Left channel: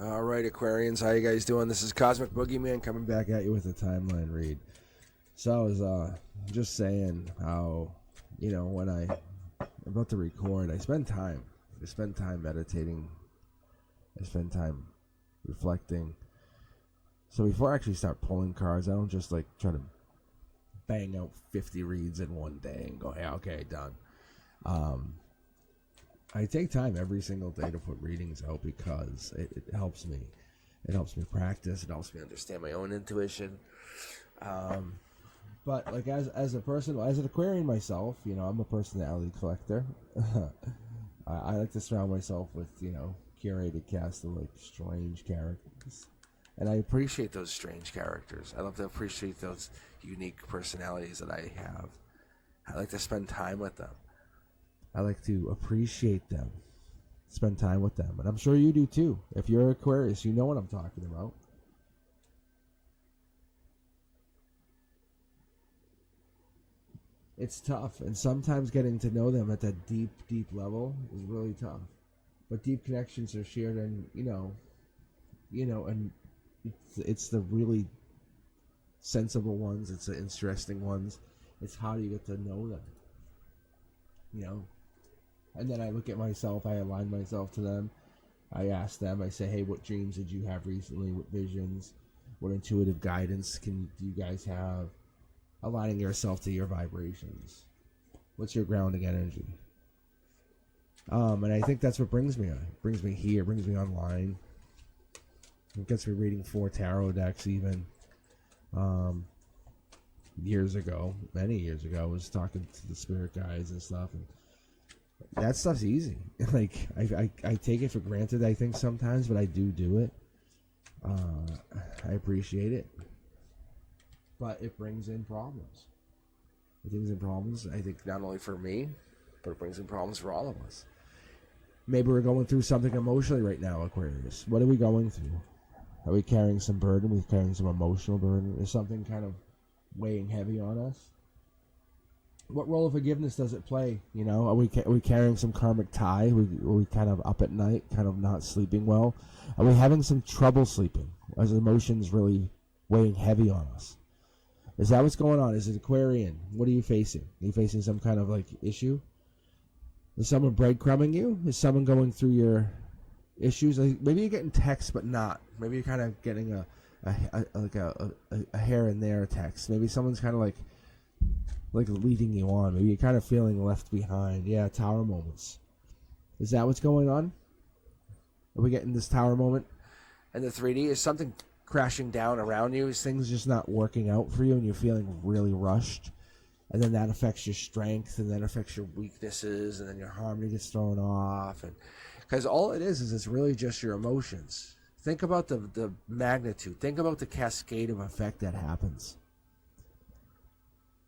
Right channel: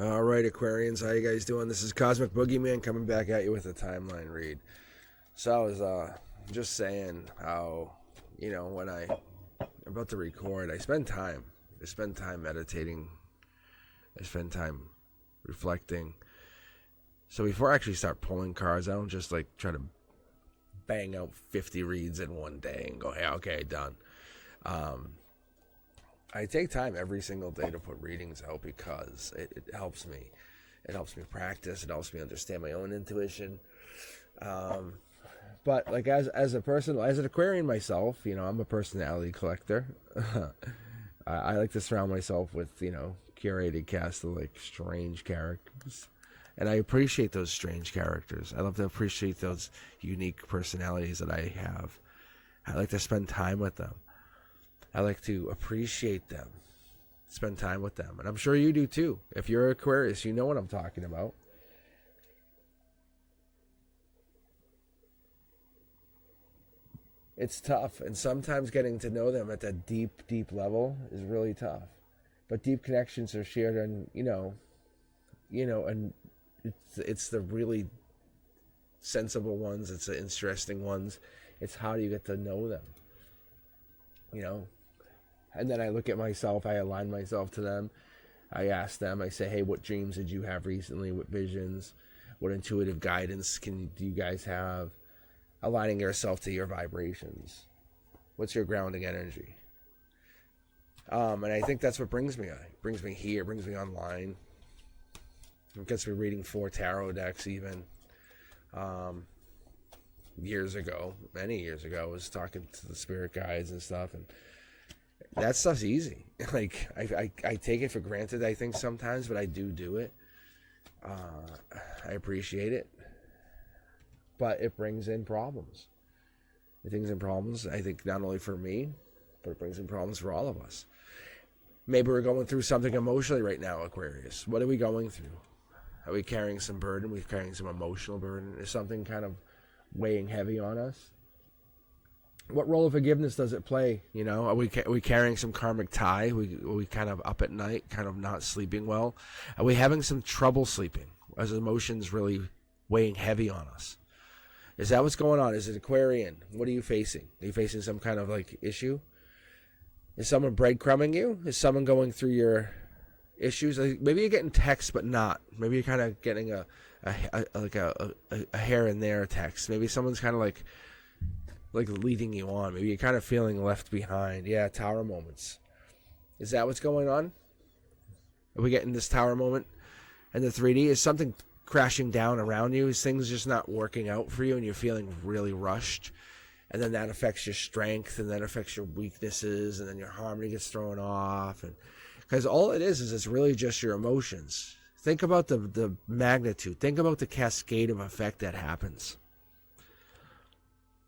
All right, Aquarians, how you guys doing? This is Cosmic Boogeyman coming back at you with a timeline read. So I was just saying how, when I'm about to record, I spend time. I spend time meditating. I spend time reflecting. So before I actually start pulling cards, I don't just try to bang out 50 reads in one day and go, hey, okay, done. I take time every single day to put readings out because it helps me. It helps me practice. It helps me understand my own intuition. But as a person, as an Aquarian myself, I'm a personality collector. I like to surround myself with, curated cast of strange characters. And I appreciate those strange characters. I love to appreciate those unique personalities that I have. I like to spend time with them. I like to appreciate them, spend time with them. And I'm sure you do too. If you're Aquarius, you know what I'm talking about. It's tough, and sometimes getting to know them at that deep, deep level is really tough. But deep connections are shared on, and it's the really sensible ones, it's the interesting ones. It's how do you get to know them, And then I look at myself, I align myself to them. I ask them, I say, hey, what dreams did you have recently? What visions? What intuitive guidance do you guys have? Aligning yourself to your vibrations. What's your grounding energy? And I think that's what brings me on. It brings me here, brings me online. It gets me reading 4 tarot decks even. Years ago, many years ago, I was talking to the spirit guides and stuff, and that stuff's easy. I take it for granted, I think, sometimes, but I do it. I appreciate it. But it brings in problems. It brings in problems, I think, not only for me, but it brings in problems for all of us. Maybe we're going through something emotionally right now, Aquarius. What are we going through? Are we carrying some burden? Are we carrying some emotional burden? Is something kind of weighing heavy on us? What role of forgiveness does it play? Are we carrying some karmic tie? Are we kind of up at night, kind of not sleeping well? Are we having some trouble sleeping? As emotions really weighing heavy on us? Is that what's going on? Is it Aquarian? What are you facing? Are you facing some kind of issue? Is someone breadcrumbing you? Is someone going through your issues? Maybe you're getting texts, but not. Maybe you're kind of getting a here and there text. Maybe someone's kind of leading you on. Maybe you're kind of feeling left behind. Yeah, tower moments. Is that what's going on? Are we getting this tower moment in the 3D? Is something crashing down around you? Is things just not working out for you and you're feeling really rushed? And then that affects your strength, and then affects your weaknesses, and then your harmony gets thrown off. And because all it is it's really just your emotions. Think about the magnitude. Think about the cascade of effect that happens.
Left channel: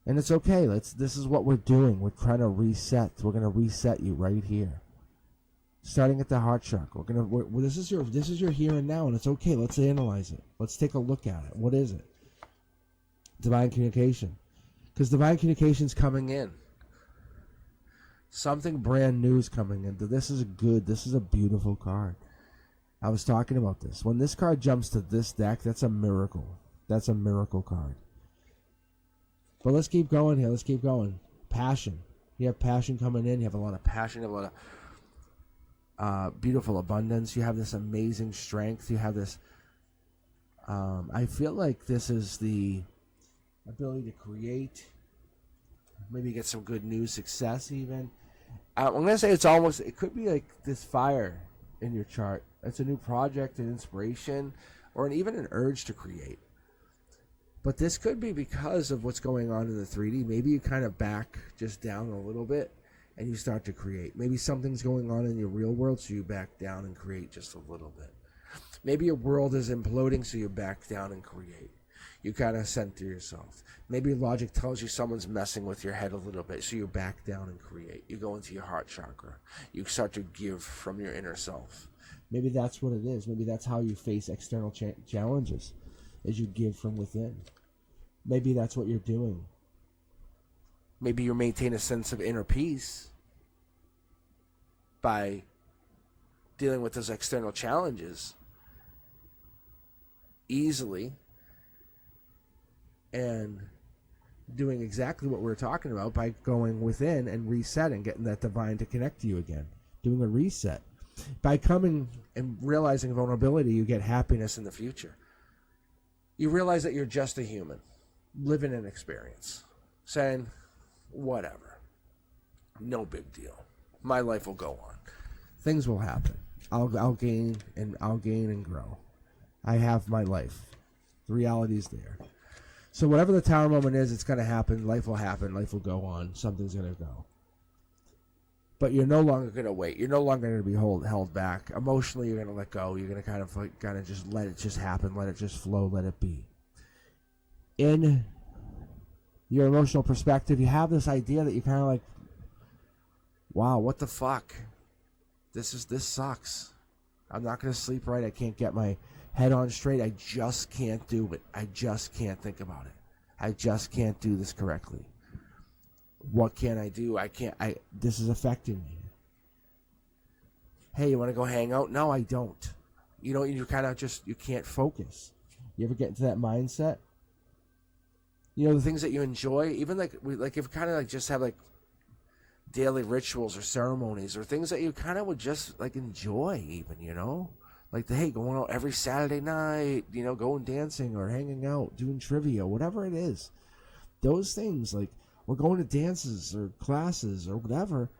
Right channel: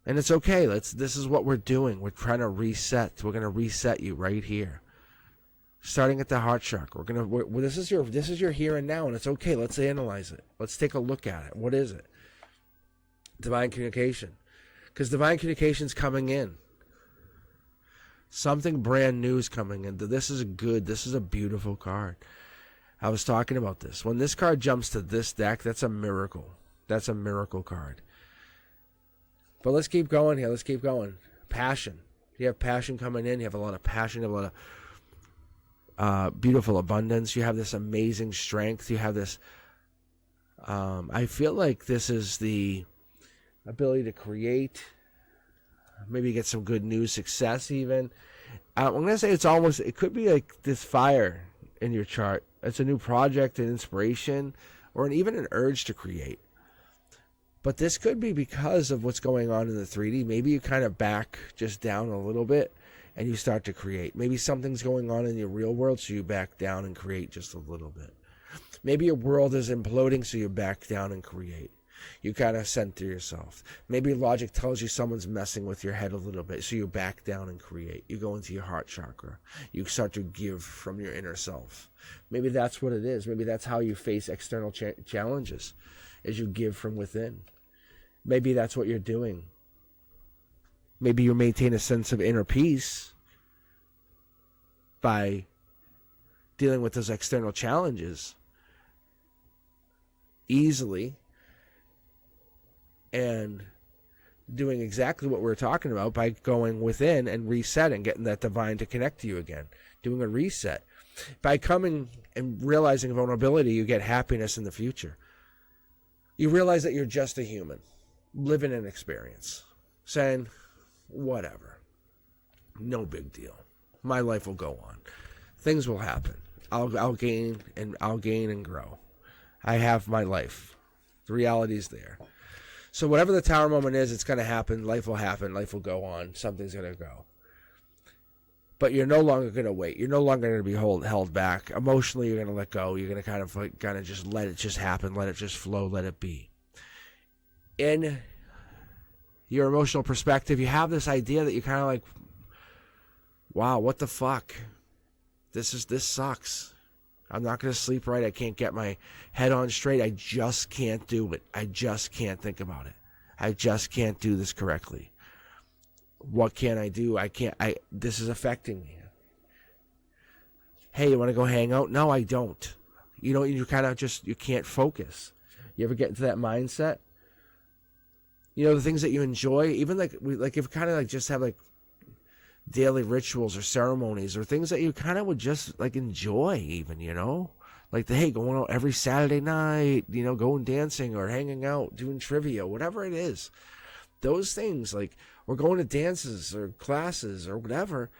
And it's okay. This is what we're doing. We're trying to reset. We're going to reset you right here. Starting at the heart chakra. This is your here and now, and it's okay. Let's analyze it. Let's take a look at it. What is it? Divine communication. Because divine communication's coming in. Something brand new is coming in. This is a beautiful card. I was talking about this. When this card jumps to this deck, that's a miracle. That's a miracle card. But let's keep going here. Let's keep going. Passion. You have passion coming in. You have a lot of passion. You have a lot of beautiful abundance. You have this amazing strength. You have this... I feel like this is the ability to create. Maybe get some good news, success even. I'm going to say it could be like this fire in your chart. It's a new project, an inspiration, or even an urge to create. But this could be because of what's going on in the 3D. Maybe you kind of back just down a little bit and you start to create. Maybe something's going on in your real world, so you back down and create just a little bit. Maybe your world is imploding, so you back down and create. You kind of center yourself. Maybe logic tells you someone's messing with your head a little bit, so you back down and create. You go into your heart chakra. You start to give from your inner self. Maybe that's what it is. Maybe that's how you face external challenges, is you give from within. Maybe that's what you're doing. Maybe you maintain a sense of inner peace by dealing with those external challenges easily and doing exactly what we're talking about by going within and resetting, getting that divine to connect to you again, doing a reset. By coming and realizing vulnerability, you get happiness in the future. You realize that you're just a human, living an experience, saying, whatever, no big deal. My life will go on. Things will happen. I'll gain and grow. I have my life. The reality is there. So whatever the tower moment is, it's going to happen. Life will happen. Life will go on. Something's going to go. But you're no longer going to wait. You're no longer going to be held back. Emotionally, you're going to let go. You're going to kind of just let it just happen. Let it just flow. Let it be. In your emotional perspective, you have this idea that you kind of like, wow, what the fuck? This sucks. I'm not going to sleep right. I can't get my head on straight. I just can't do it. I just can't think about it. I just can't do this correctly. What can I do? This is affecting me. Hey, you want to go hang out? No, I don't. You kind of just, you can't focus. You ever get into that mindset? The things that you enjoy, even if you kind of like just have like daily rituals or ceremonies or things that you kind of would just like enjoy even, like going out every Saturday night, going dancing or hanging out, doing trivia, whatever it is. Those things, like, we're going to dances or classes or whatever.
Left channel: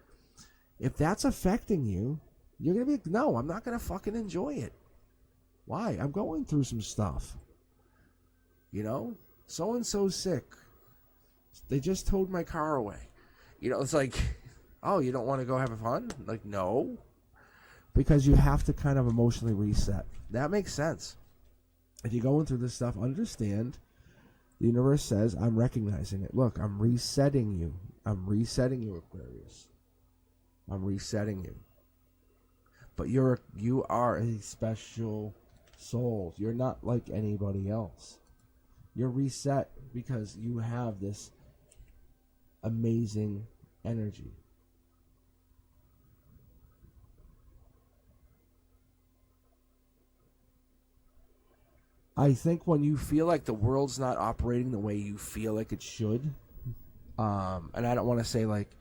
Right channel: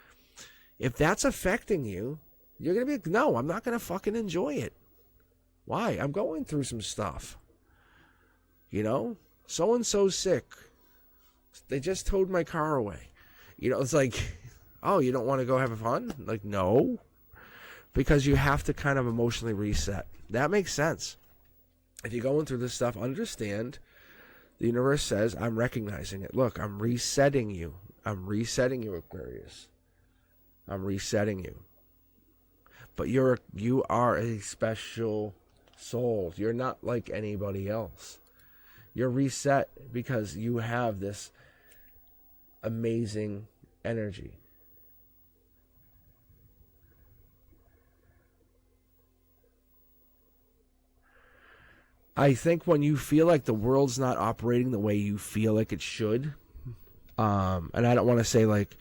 If that's affecting you, you're going to be, no, I'm not going to fucking enjoy it. Why? I'm going through some stuff. So-and-so's sick. They just towed my car away. It's like, oh, you don't want to go have fun? Like, no. Because you have to kind of emotionally reset. That makes sense. If you're going through this stuff, understand the universe says, I'm recognizing it. Look, I'm resetting you. I'm resetting you, Aquarius. I'm resetting you. But you are a special soul. You're not like anybody else. You're reset because you have this amazing energy. I think when you feel like the world's not operating the way you feel like it should, and I don't want to say like,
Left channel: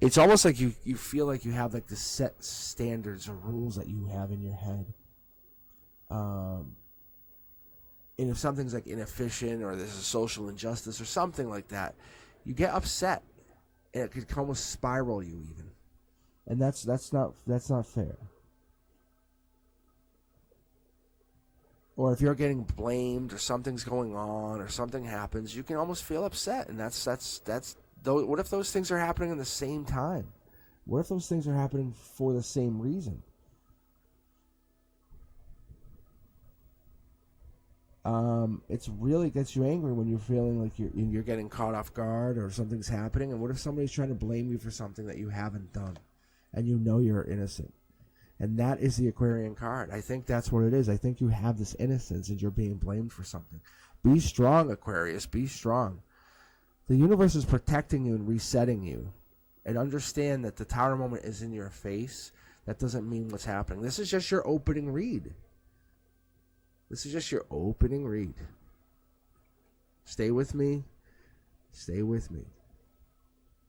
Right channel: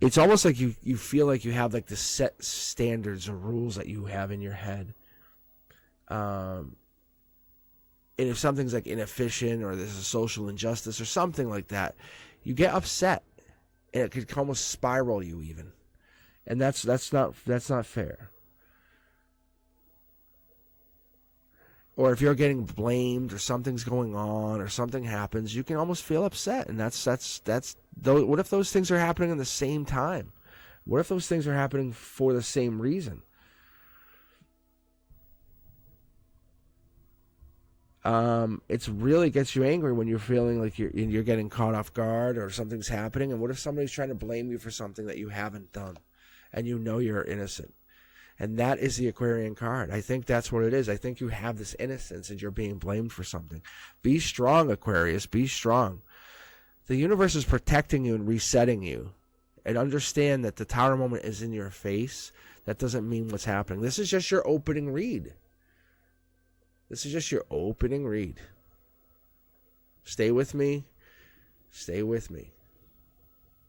it's almost like you feel like you have like the set standards or rules that you have in your head. And if something's like inefficient or there's a social injustice or something like that, you get upset, and it could almost spiral you even, and that's not fair. Or if you're getting blamed or something's going on or something happens, you can almost feel upset, and that's what if those things are happening at the same time? What if those things are happening for the same reason? It's really gets you angry when you're feeling like you're getting caught off guard or something's happening. And what if somebody's trying to blame you for something that you haven't done, and you're innocent? And that is the Aquarian card. I think that's what it is. I think you have this innocence and you're being blamed for something. Be strong, Aquarius. Be strong. The universe is protecting you and resetting you. And understand that the tower moment is in your face. That doesn't mean what's happening. This is just your opening read. This is just your opening read. Stay with me. Stay with me.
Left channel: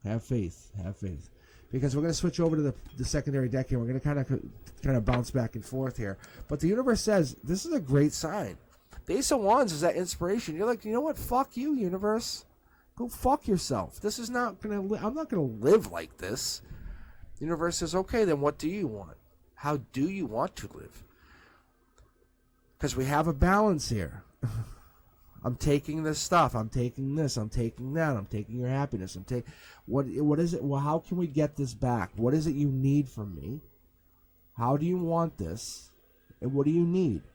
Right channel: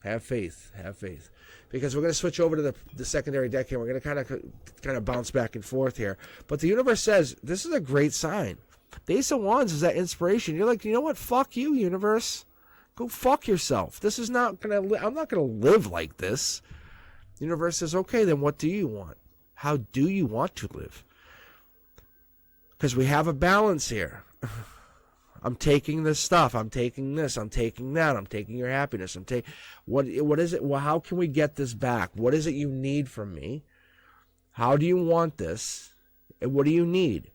Have faith. Have faith. Because we're going to switch over to the secondary deck here. We're going to kind of bounce back and forth here. But the universe says this is a great sign. The Ace of Wands is that inspiration. You're like, you know what? Fuck you, universe. Go fuck yourself. This is not going to. I'm not going to live like this. The universe says, okay, then what do you want? How do you want to live? Because we have a balance here. I'm taking this stuff. I'm taking this. I'm taking that. I'm taking your happiness. What is it? Well, how can we get this back? What is it you need from me? How do you want this? And what do you need?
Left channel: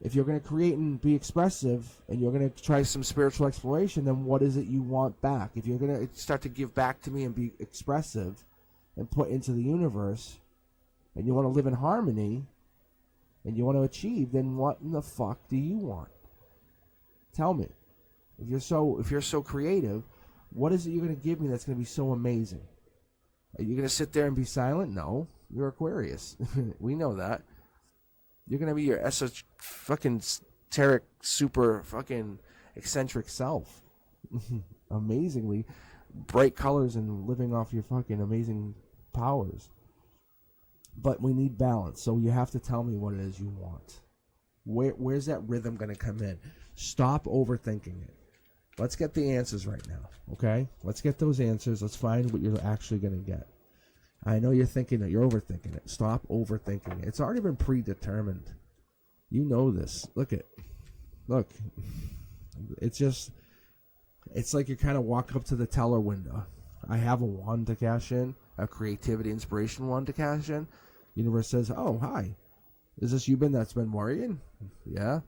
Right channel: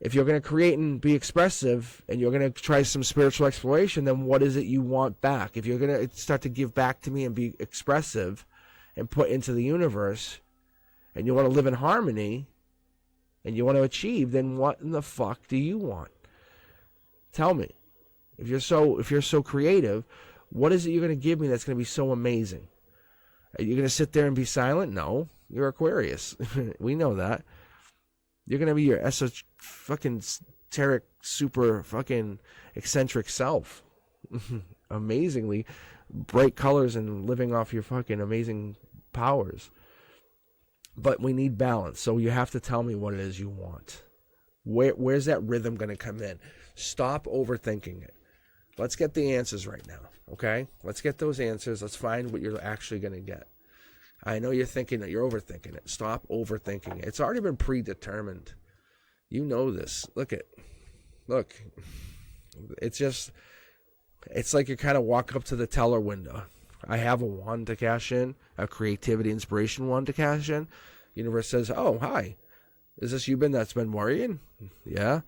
If you're going to create and be expressive and you're going to try some spiritual exploration, then what is it you want back? If you're going to start to give back to me and be expressive and put into the universe, and you want to live in harmony and you want to achieve, then what in the fuck do you want? Tell me. If you're so creative, what is it you're going to give me that's going to be so amazing? Are you going to sit there and be silent? No. You're Aquarius. We know that. You're going to be your esoteric, super fucking eccentric self. Amazingly bright colors and living off your fucking amazing powers. But we need balance. So you have to tell me what it is you want. Where's that rhythm going to come in? Stop overthinking it. Let's get the answers right now, okay? Let's get those answers. Let's find what you're actually going to get. I know you're thinking that you're overthinking it. Stop overthinking it. It's already been predetermined. You know this. Look. It's like you kind of walk up to the teller window. I have a wand to cash in, a creativity inspiration wand to cash in. Universe says, oh, hi. Is this you that's been worrying? Yeah.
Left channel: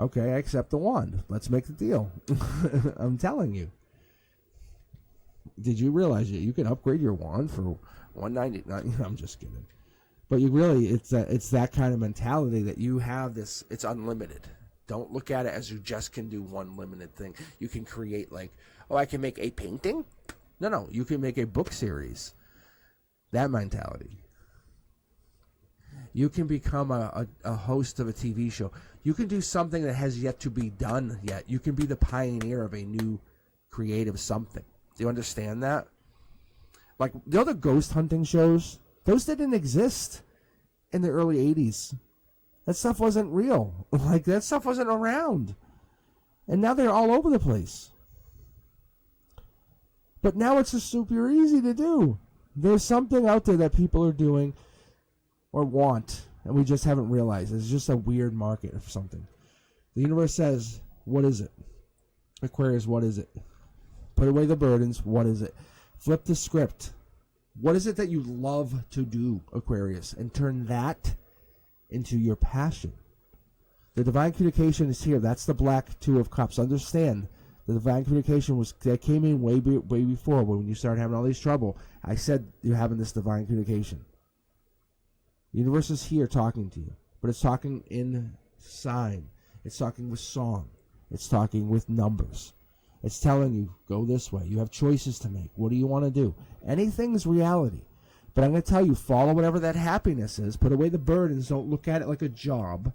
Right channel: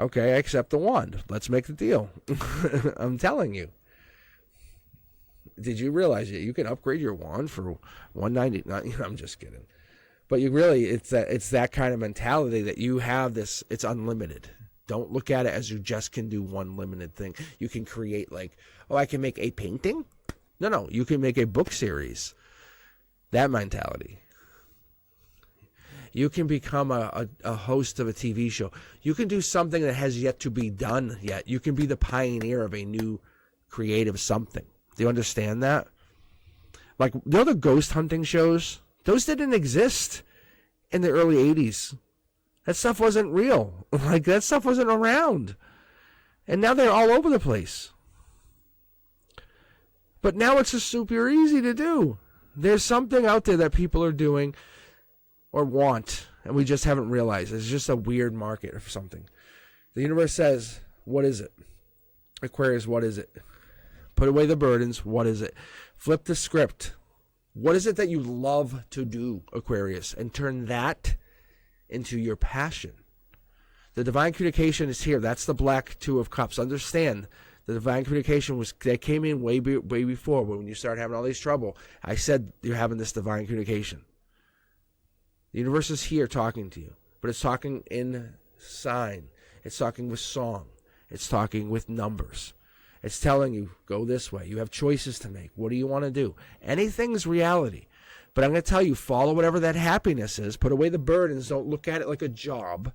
Okay, I accept the wand. Let's make the deal. I'm telling you. Did you realize that you can upgrade your wand for $199? I'm just kidding. But it's that kind of mentality that you have this, it's unlimited. Don't look at it as you just can do one limited thing. You can create I can make a painting? No, you can make a book series. That mentality. You can become a host of a TV show. You can do something that has yet to be done yet. You can be the pioneer of a new creative something. Do you understand that? Like, the ghost hunting shows? Those didn't exist in the early 80s. That stuff wasn't real. That stuff wasn't around. And now they're all over the place. But now it's just super easy to do. There's something out there that people are doing or want, and we just haven't realized. It's just a weird market or something. The universe says, what is it? Aquarius, what is it? Put away the burdens. What is it? Flip the script. What is it that you love to do, Aquarius? And turn that into your passion. The divine communication is here. That's the black Two of Cups. Understand, the divine communication that came in way before when you started having all these trouble. I said you're having this divine communication. The universe is here talking to you, but it's talking in sign. It's talking with song. It's talking with numbers. It's telling you, go this way. You have choices to make. What do you want to do? Anything's reality. But I'm going to tell you, follow whatever that happiness is. Put away the burdens. Don't look at it like a job.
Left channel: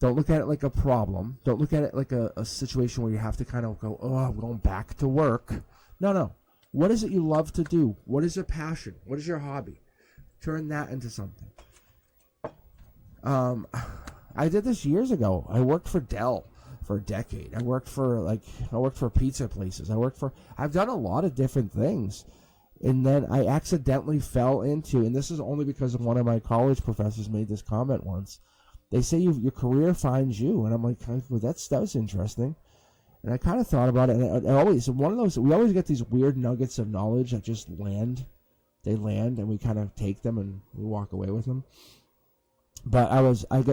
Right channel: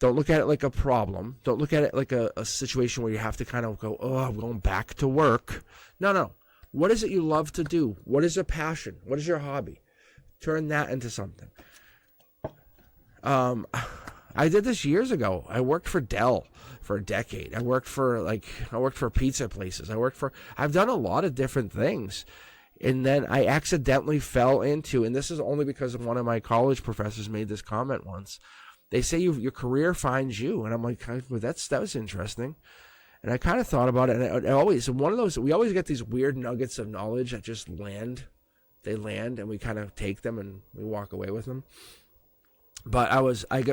Don't look at it like a problem. Don't look at it like a situation where you have to kind of go, oh, I'm going back to work. No. What is it you love to do? What is your passion? What is your hobby? Turn that into something. I did this years ago. I worked for Dell for a decade. I worked for pizza places. I've done a lot of different things. And then I accidentally fell into, and this is only because one of my college professors made this comment once. They say your career finds you. And I'm like, well, that was interesting. And I kind of thought about it. And we always get these weird nuggets of knowledge that just land. They land and we kind of take them and we walk away with them. But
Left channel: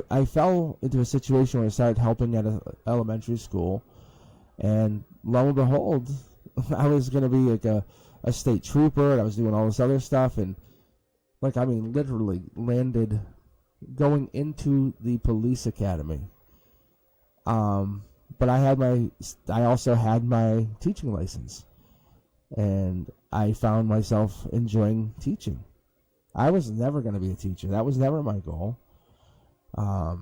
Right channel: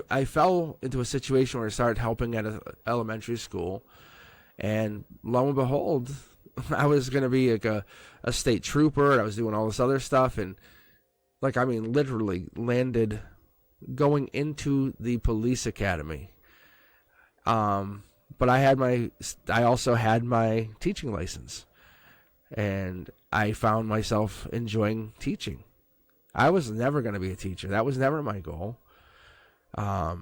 I fell into a situation where I started helping at an elementary school. And lo and behold, I was going to be like a state trooper. And I was doing all this other stuff. And literally landed going into the police academy. But I also had my teaching license. And I found myself enjoying teaching. I was never going to be a teacher. That was never my goal. I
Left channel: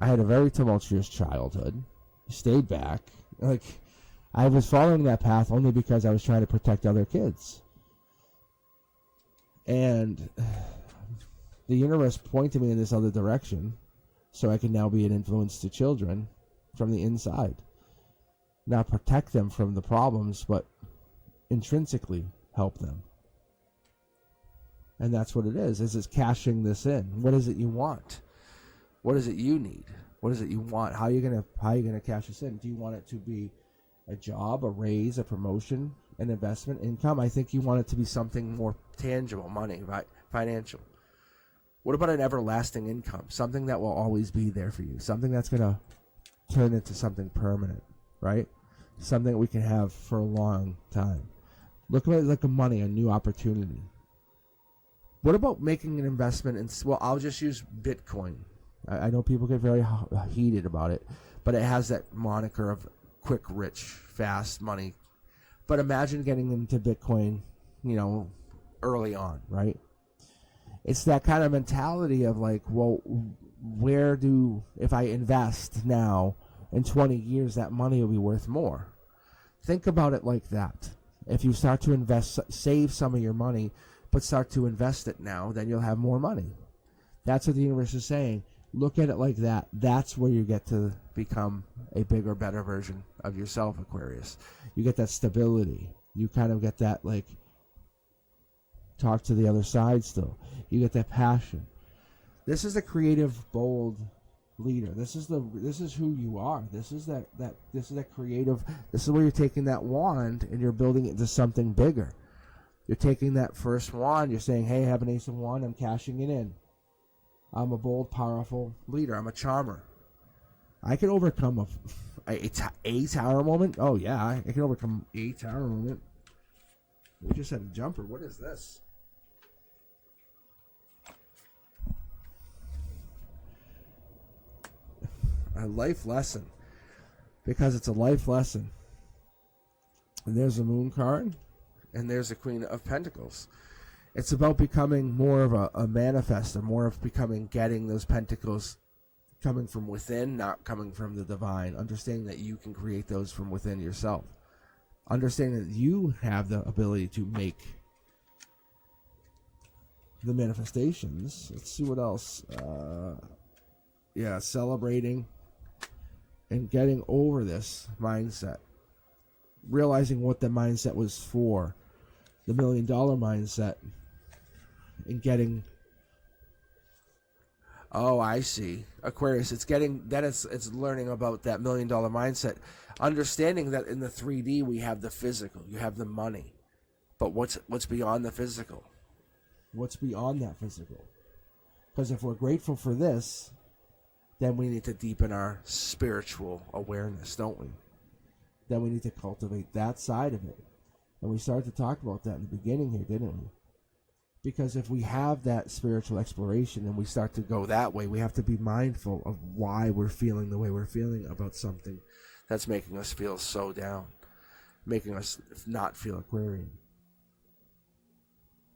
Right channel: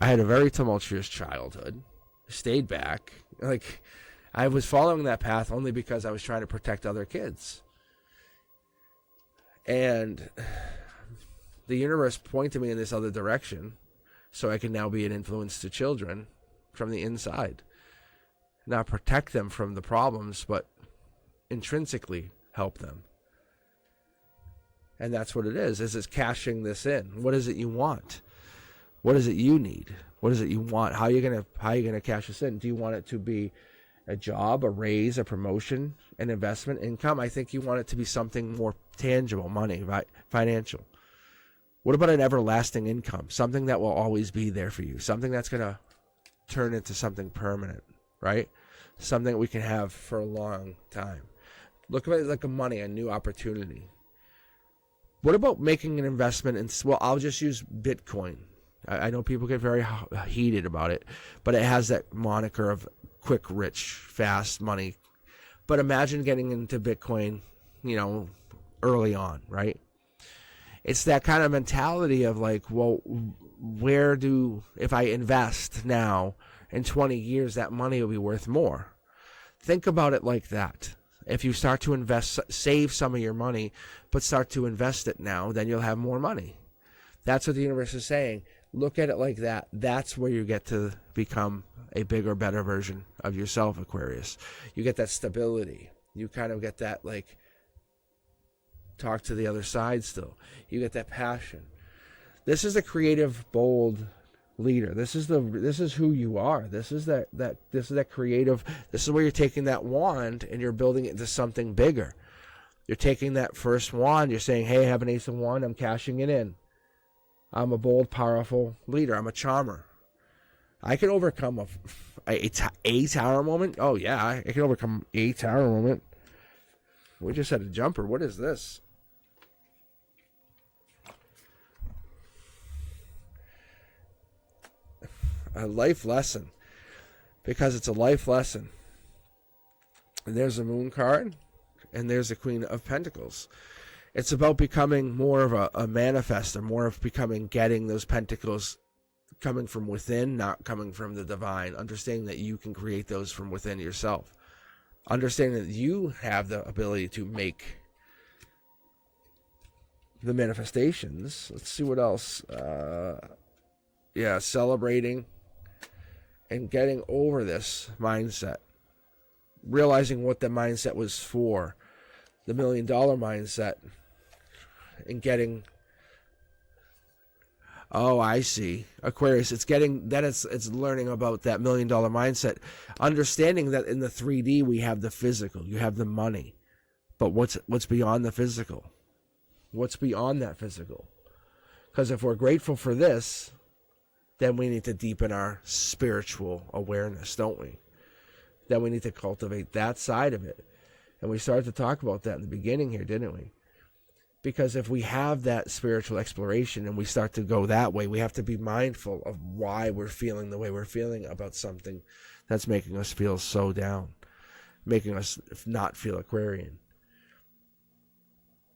had a very tumultuous childhood. Stayed back. I was following that path only because I was trying to protect other kids. And the universe pointed me in this other direction so I can now be an influence to children from the inside. Not protect them from the problems, but intrinsically help them. And that's what it is. This is cashing this in. What is it you want? What is it you need? What is it you want? How are you gonna cash this in? Do you want it to be a job, a raise, a promotion, an investment, income? I think you want it to be something more tangible, money, right? Financial. What about an everlasting income? Something that will always be there for you. Something that's gonna turn into something permanent, right? Something we can have for a long time. Look at it like a money, a new opportunity. What about making an investment in, I'll just use Bitcoin. I know people get very heated about it, but it has that moniker of quick, rich, fast money. But imagine getting into Bitcoin, early on, right? It's that kind of mentality of like, well, if I invest now, in 20 years, that money will be worth more. Think about it like that. If you start to invest, save some of your money, but start to invest it now, then you'll have more money. That's what the universe is saying. Look at it like that. That's where you get to become a bigger, better version of yourself, Aquarius. You get that stability. You kind of get that, like, talk to the other side still. You get that passion. This is a creative, bold leader. This is who you are. This is that creative. This is where you're taking that wand and you're building it into something bigger. You're taking that first wand. You're saying, hey, I have an ace of wand. I'm cashing it in. I'm a bold, powerful leader. I'm a charmer. I can overcome a tower moment. Oh yeah, I can overcome a tower moment. We just had a jumper. What is this? A life lesson, because it's a life lesson. And there's a moon card, and there's a Queen of Pentacles. It's about becoming more of a manifester, more of getting those pentacles coming from within, not coming from the divine. Understanding that you can create those from within yourself. Understanding that you have the ability to make the manifestations. Let's see what else. Celebrating and getting over this mindset, realizing what the mindset was for, the $1 million mindset, and getting, oh, I see, Aquarius, it's learning about that $1 million mindset, understanding that in the 3D we have the physical, you have the money, but what's beyond the physical? What's beyond that physical? Because if we're grateful for this, then we need to deepen our spiritual awareness, don't we? Then we need to cultivate that side of it. And we started to talk about that in the beginning here, didn't we? Because if we have that spiritual exploration and we start to go that way, we have to be mindful of why we're feeling the way we're feeling about something that's making us feel so down, making us not feel Aquarian.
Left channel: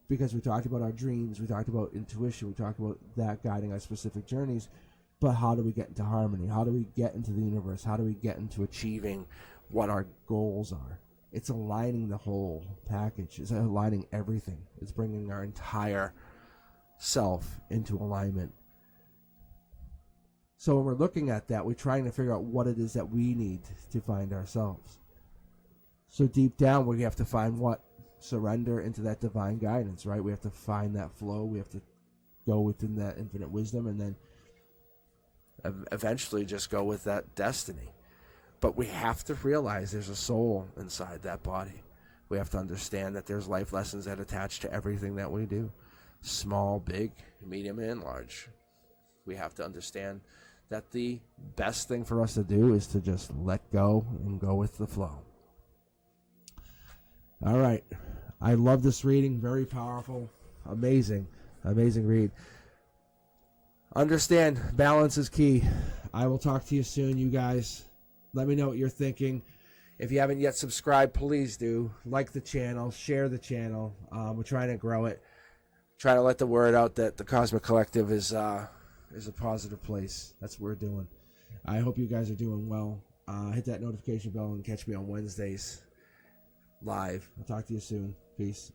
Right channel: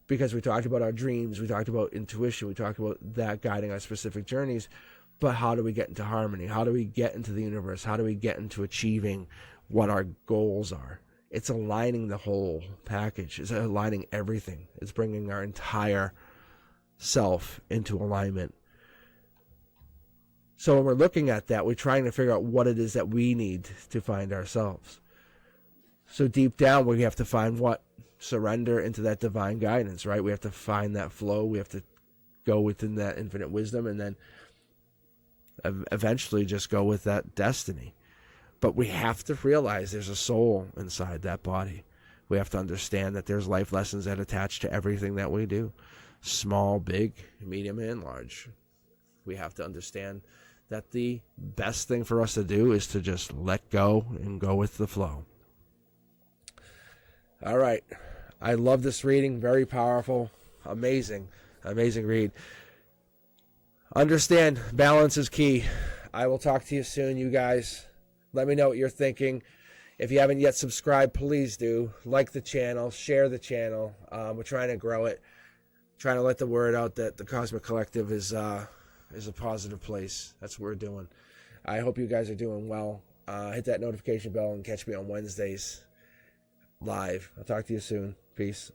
Because we talked about our dreams, we talked about intuition, we talked about that guiding our specific journeys. But how do we get into harmony? How do we get into the universe? How do we get into achieving what our goals are? It's aligning the whole package. It's aligning everything. It's bringing our entire self into alignment. So when we're looking at that, we're trying to figure out what it is that we need to find ourselves. So deep down, we have to find what? Surrender into that divine guidance, right? We have to find that flow. We have to go within that infinite wisdom, and then eventually just go with that destiny. But we have to realize there's a soul inside that body. We have to understand that there's life lessons that attach to everything that we do. Small, big, medium, and large. We have to understand that the best thing for us to do is to just let go and go with the flow. All right. I love this reading. Very powerful. Amazing read. Understand, balance is key. I will talk to you soon, you guys. Let me know what you're thinking. If you haven't yet subscribed, please do. Like the channel, share the channel. We're trying to grow it. Trying to let the word out that the Cosmic Collective is a positive place. That's what we're doing. I hope you guys are doing well. Hit that notification bell and catch me on Wednesdays live. I'll talk to you soon. Peace.